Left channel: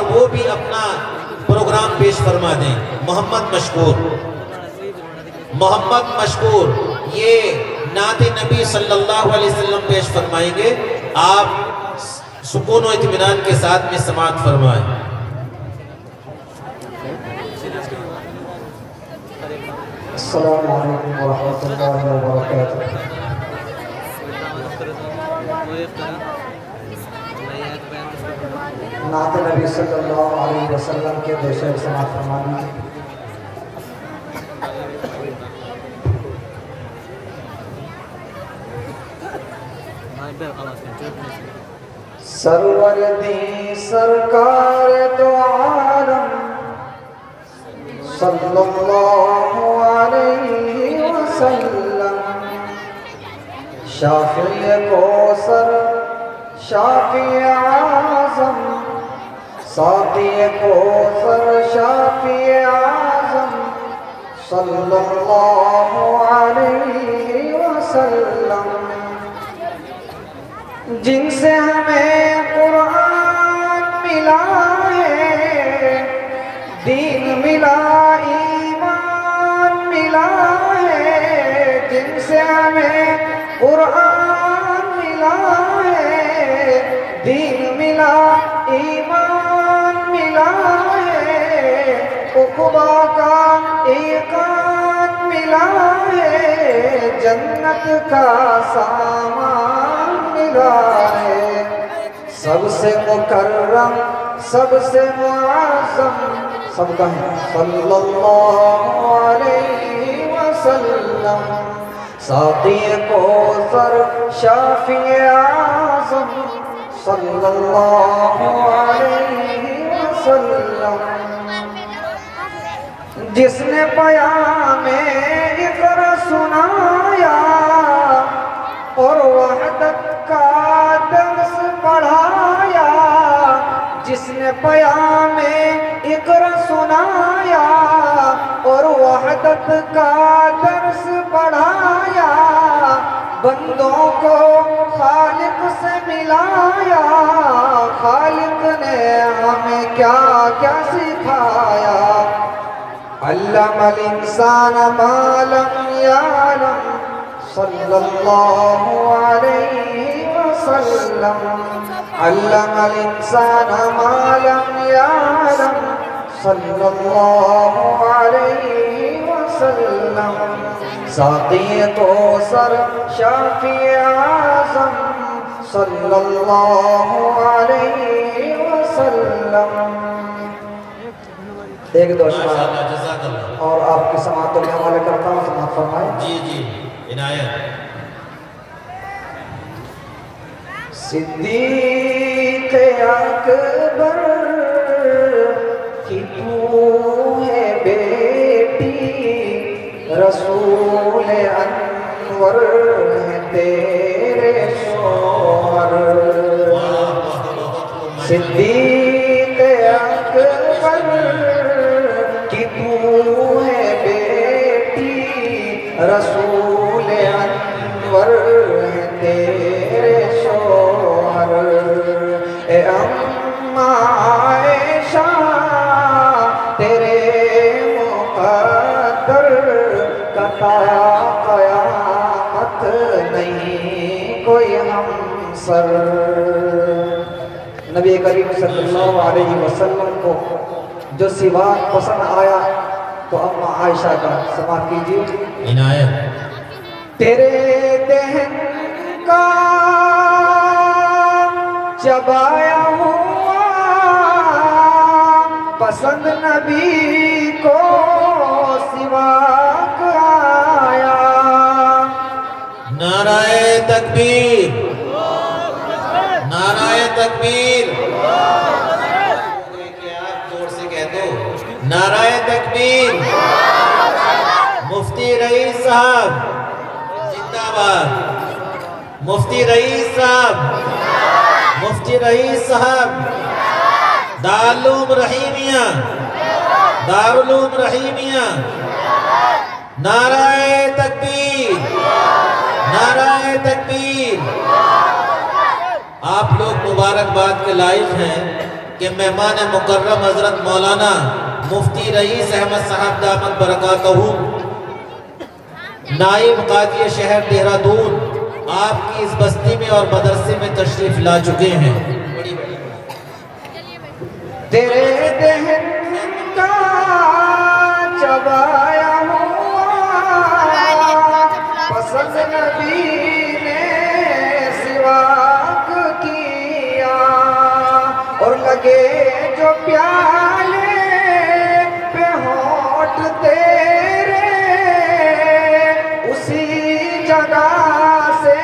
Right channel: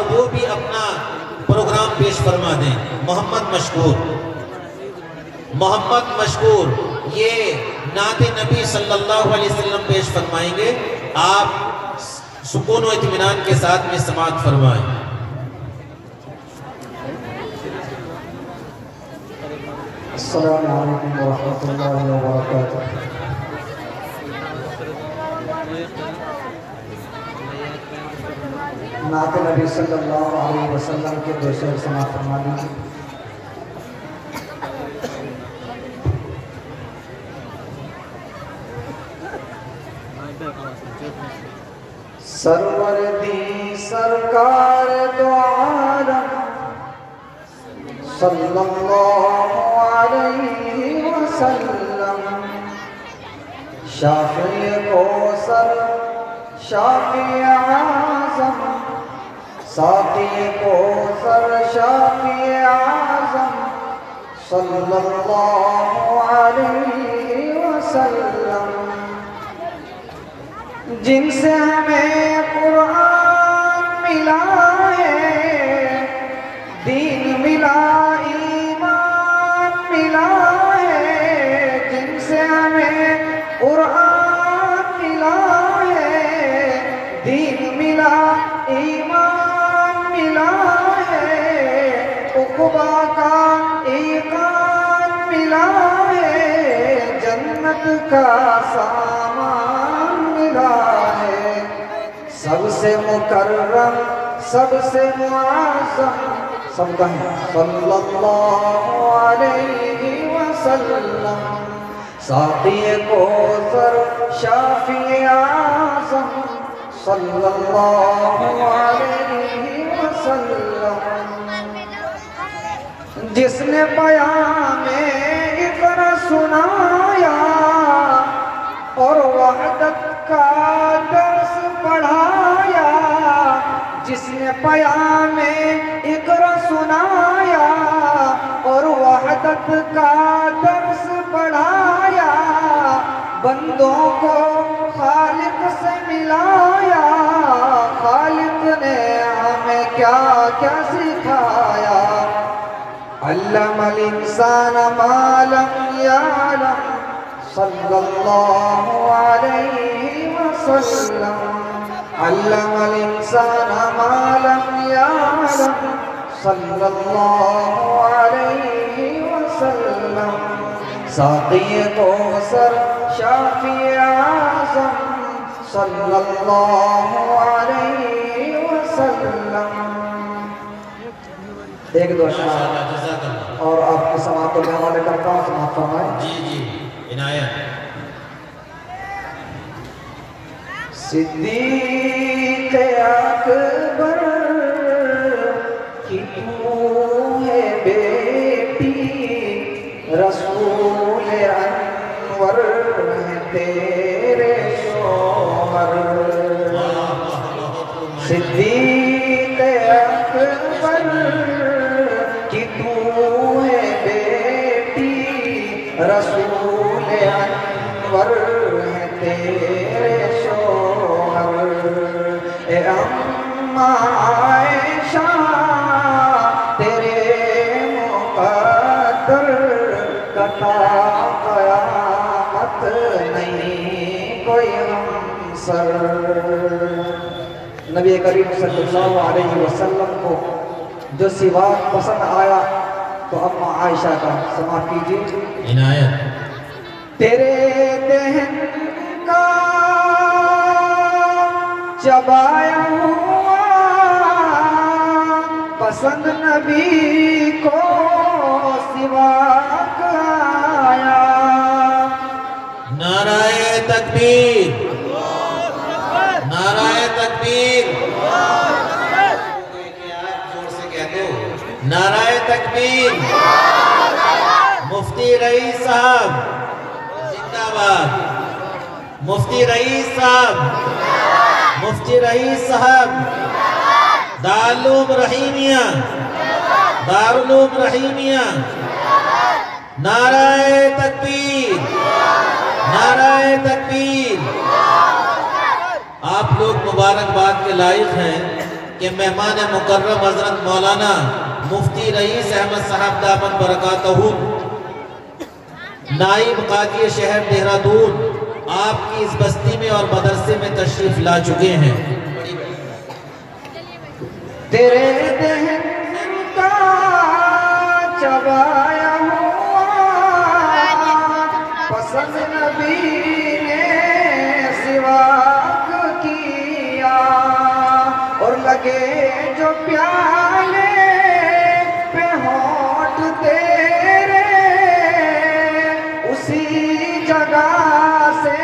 और वो भी अपना प्रोग्राम पेश फरमा दें। मोहम्मद मशकूर ये नाते नबी सल्लल्लाहु अलैहि वसल्लम पेश फरमाएंगे। आप सुकून और इत्मीनान के साथ में समाअत फरमाएं। अस्सलामु अलैकुम वरहमतुल्लाहि वबरकातुहू। नाते नबी सल्लल्लाहु अलैहि वसल्लम के दूसरे समाअत फरमा दीजिए। सरवर दी सरकार दो आलम सल्लल्लाहु अलैहि वसल्लम, शाफ़ी कौसर शाफ़ी आज़म, साक़ी कौसर शाफ़ी आज़म सल्लल्लाहु अलैहि वसल्लम, जिनसे हमें कुरान मिला है, दीन मिला, ईमान मिला है, जिनसे हमें कुरान मिला है, दीन मिला, ईमान मिला है, उक़बा का ईकान मिला है, जन्नत का सामान मिला है। सबसे मुकर्रम सबसे मुअज़्ज़म सबका है सल्लल्लाहु अलैहि वसल्लम, साक़ी कौसर शाफ़ी आज़म सल्लल्लाहु अलैहि वसल्लम, जिसने पयामे इक़रा सुनाया और वहदत का दर्स पढ़ाया, जिसने पयामे इक़रा सुनाया और वहदत का दर्स पढ़ाया, बंदों को खालिक से मिलाया, खालिक ने हमें क्या क्या सिखाया। अल्लमल इंसान मा लम यअलम सल्लल्लाहु अलैहि वसल्लम, अल्लमल इंसान मा लम यअलम सल्लल्लाहु अलैहि वसल्लम, साक़ी कौसर शाफ़ी आज़म सल्लल्लाहु अलैहि वसल्लम। एक दो और आपकी समाअत के हवाले करता हूँ, समाअत फरमाएं। जी इनायत। सिद्दीक़ अकबर की तू है बेटी, रसूल अनवर है तेरे शोहर। सिद्दीक़ अकबर की तू है बेटी, रसूल अनवर है तेरे शोहर। ए अम्मा आयशा तेरे मुक़द्दर का क़यामत नहीं कोई हमसर। नबी करीम सल्लल्लाहु अलैहि वसल्लम को जो सिवाक पसंद आया तो अम्मा आयशा का समाअत कीजिए। इनायत। तेरे दहन का चबाया हुआ पसंद नबी को सिवाक आया। नाराए तकबीर, नाराए तकबीर, जोर से कह दो नाराए तकबीर। मुफ्ती रईस साहब जिंदाबाद, मुफ्ती रईस साहब, मुफ्ती रईस साहब, दारुल रहीमिया, दारुल रहीमिया। नाराए तकबीर, नाराए तकबीर। आप लोग मुबारकबाद के लायक हैं कि मेहमान मुकर्रम हजरत मौलाना मुफ्ती रईस अहमद साहब दामद बरकातहू नाइब काजी शहर देहरादून आपकी इस बस्ती में और मदरसे में तशरीफ ला चुके हैं। तेरे दहन का चबाया हुआ पसंद नबी ने सिवाक किया और लगे जो प्याले पे होठ तेरे उसी जगह से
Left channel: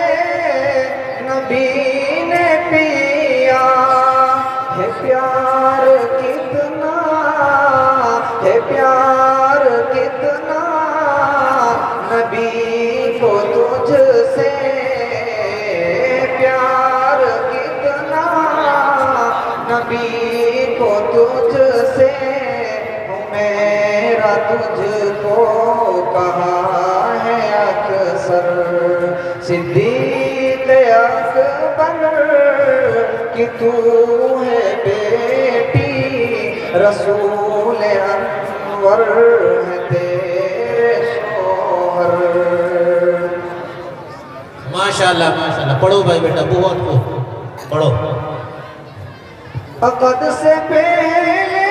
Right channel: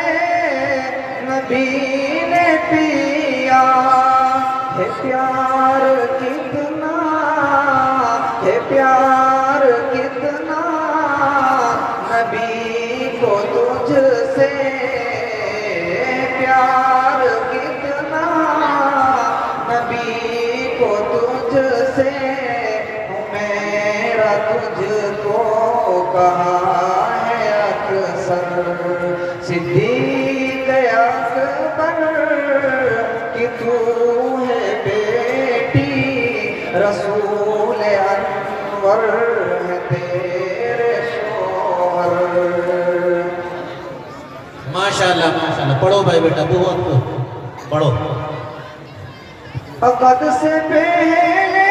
नबी ने पिया। है प्यार कितना, है प्यार कितना नबी को तुझसे, प्यार कितना नबी को तुझसे मेरा तुझको कहा है अक्सर सिद्दीक़ अकबर कि तू है बेटी रसूल अनवर है तेरे शोहर। माशाल्लाह माशाल्लाह। पढ़ो भाई बेटा, बहुत को पढ़ो। अक़द से पहले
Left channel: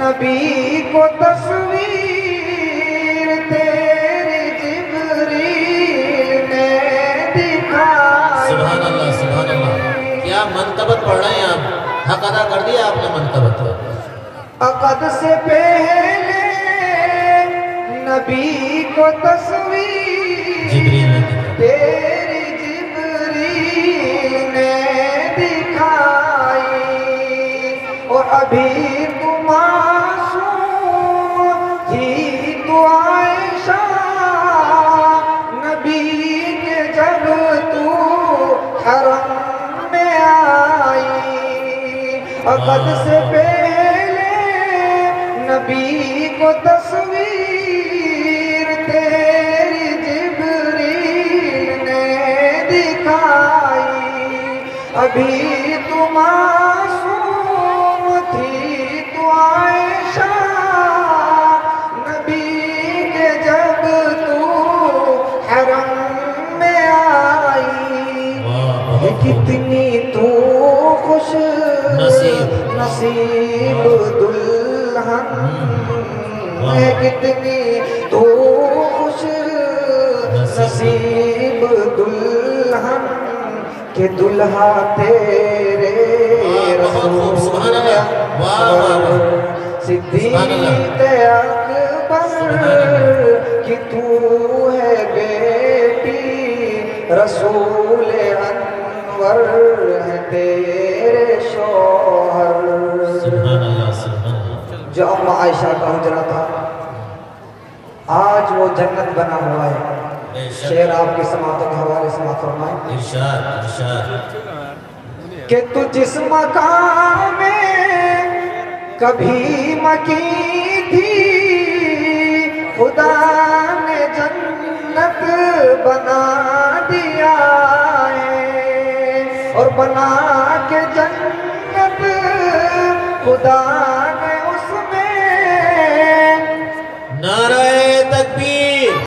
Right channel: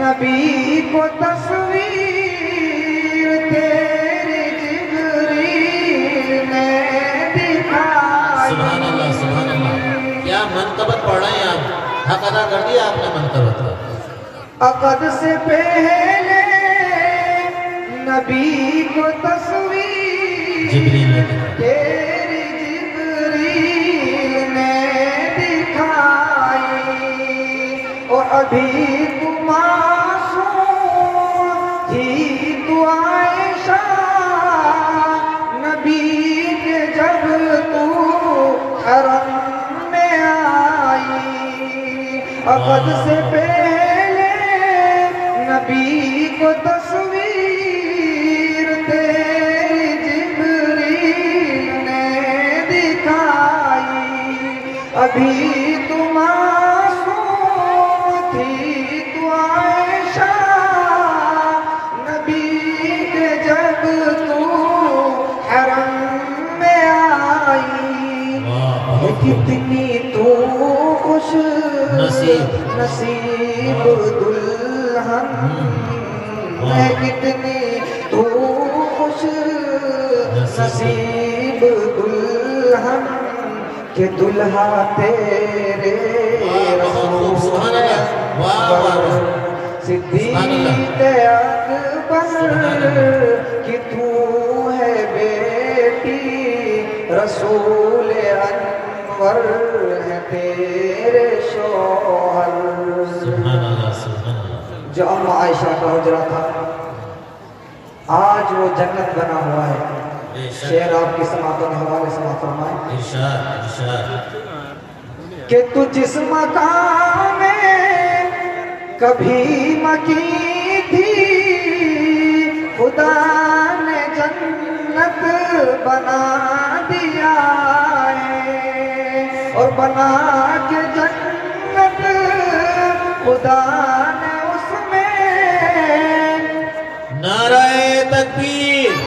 नबी को तस्वीर तेरी जिब्रील ने दिखाई। सुभान अल्लाह सुभान अल्लाह। क्या मनकबत पढ़ रहे हैं आप? हक अदा कर दिया आपने मनकबत। अक़द से पहले नबी को तस्वीर जिब्रील ने तेरी जिब्रील ने दिखाई और अभी तू मासूम थी तू आयशा नबी के जब तू हरम में आई। अक़द से पहले नबी को तस्वीर तेरी जिब्रील ने दिखाई। अभी तू मासूम थी तू आयशा नबी के जब तू हरम में आई। कितनी तू खुश नसीब दुल्हन है, कितनी तू खुश नसीब दुल्हन के दुल्हा तेरे रसूल अकबर सिद्दीक़ अकबर कि तू है बेटी रसूल अनवर है तेरे शोहर। जो अम्मा आयशा का हुजरा था आज वो जन्नत बना हुआ है। शेर आपकी समातन हवाले समात फरमाए इरशाद इरशाद कि तू जिस मकाम में कभी मकी थी खुदा ने जन्नत बना दिया है और बना के